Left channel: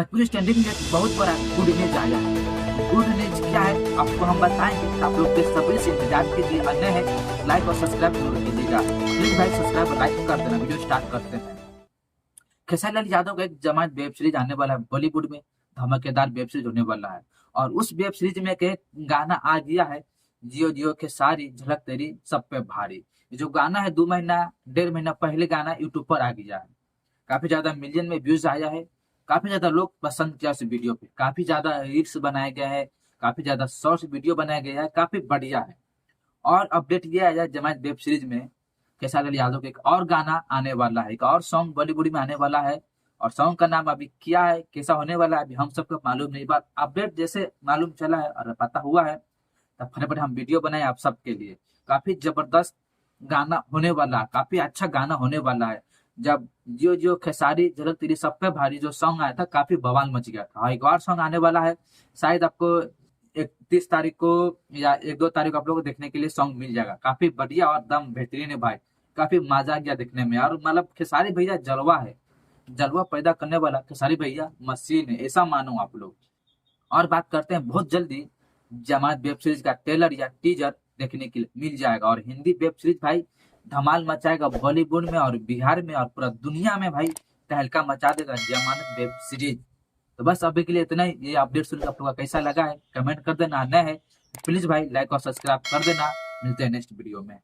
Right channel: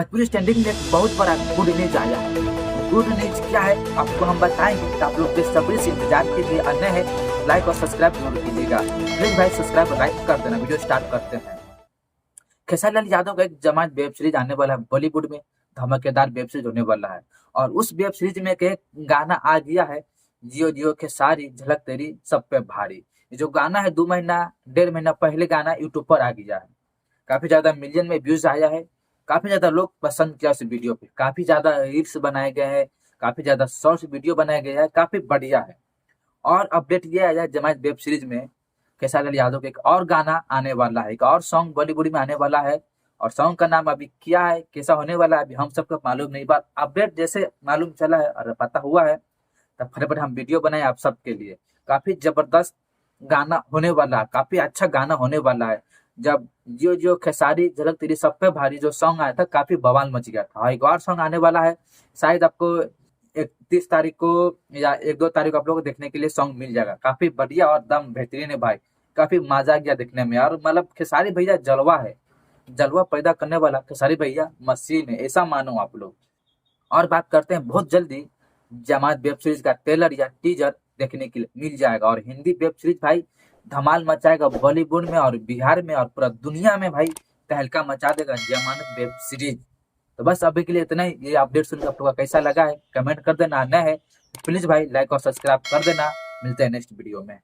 Bhojpuri standing में एक बहुत बड़ा गुड न्यूज आया है। गुड न्यूज क्या है आपको हम बताएंगे, तो आप लोग बेसब्री से इंतजार कीजिए। अन्य है लाइक और सब्सक्राइब जरूर कीजिएगा। प्लीज भाई सब्सक्राइब और लाइक कर देना। वीडियो स्टार्ट करते हैं। खेसारी लाल यादव का एक जमात वेब सीरीज आने वाला है बॉलीवुड में, धमाकेदार वेब सीरीज होने वाला है। और उस वेब सीरीज में एक गाना आ गया है, जियो जियो खेसारी झलक तेरी सब पे भारी। ये जो गाना है 2 महीना 1.5 महीना पहले गाना यूट्यूब पर आ गया है। काफी ज्यादा मिलियन में व्यूज आया है। काफी ज्यादा लोग पसंद किया उस वीडियो पे। काफी ज्यादा रील्स बनाए गए हैं, काफी ज्यादा शॉर्ट्स वीडियो बनाया गया है, काफी बढ़िया है। और अपडेट ये आया जमात वेब सीरीज में खेसारी लाल यादव का एक और गाना आने वाला है, एक और सॉन्ग बॉलीवुड में आने वाला है। और सॉन्ग का नाम अभी क्या है, कैसा होने वाला है, अभी हम सबको मालूम नहीं। बात अपडेट जैसे मालूम चला है और पता हुआ है, तब फटाफट हम वीडियो बनाए आप सबके लिए। काफी जबरदस्त गाना होने वाला है, काफी अच्छा गाना होने वाला है। जब जियो जियो खेसारी झलक तेरी सब पे भारी जो सॉन्ग आया था, काफी बवाल मच गया था। एक और सॉन्ग आने वाला है, शायद आपको 31 तारीख को या 1-2 तारीख को आप लोगों को देखने के लिए सॉन्ग मिल जाएगा। काफी बढ़िया और दम बेहतरीन है भाई। काफी मजा आ गया देखने में। और मतलब खेसारी भैया जलवा है, जलवा पैदा करने वाला खेसारी भैया मशीन है, ऐसा मानो आप लोग। और बात करते हैं, बहुत जल्दी जमात वेब सीरीज का ट्रेलर या टीजर देखने के लिए मिल जाएगा। और हिंदी वेब सीरीज भाई धमाल मचाएगा बॉलीवुड में और बिहार में और पूरा दुनिया में भाई तहलका मचा देगा जमानत वेब सीरीज। तो बस अभी के लिए इतना ही। ये अपडेट सुनकर आप लोगों का कैसा लगा है कमेंट कर देना। नया है प्लीज भाई लाइक और सब्सक्राइब कर देना। मिलते हैं नेक्स्ट वीडियो में।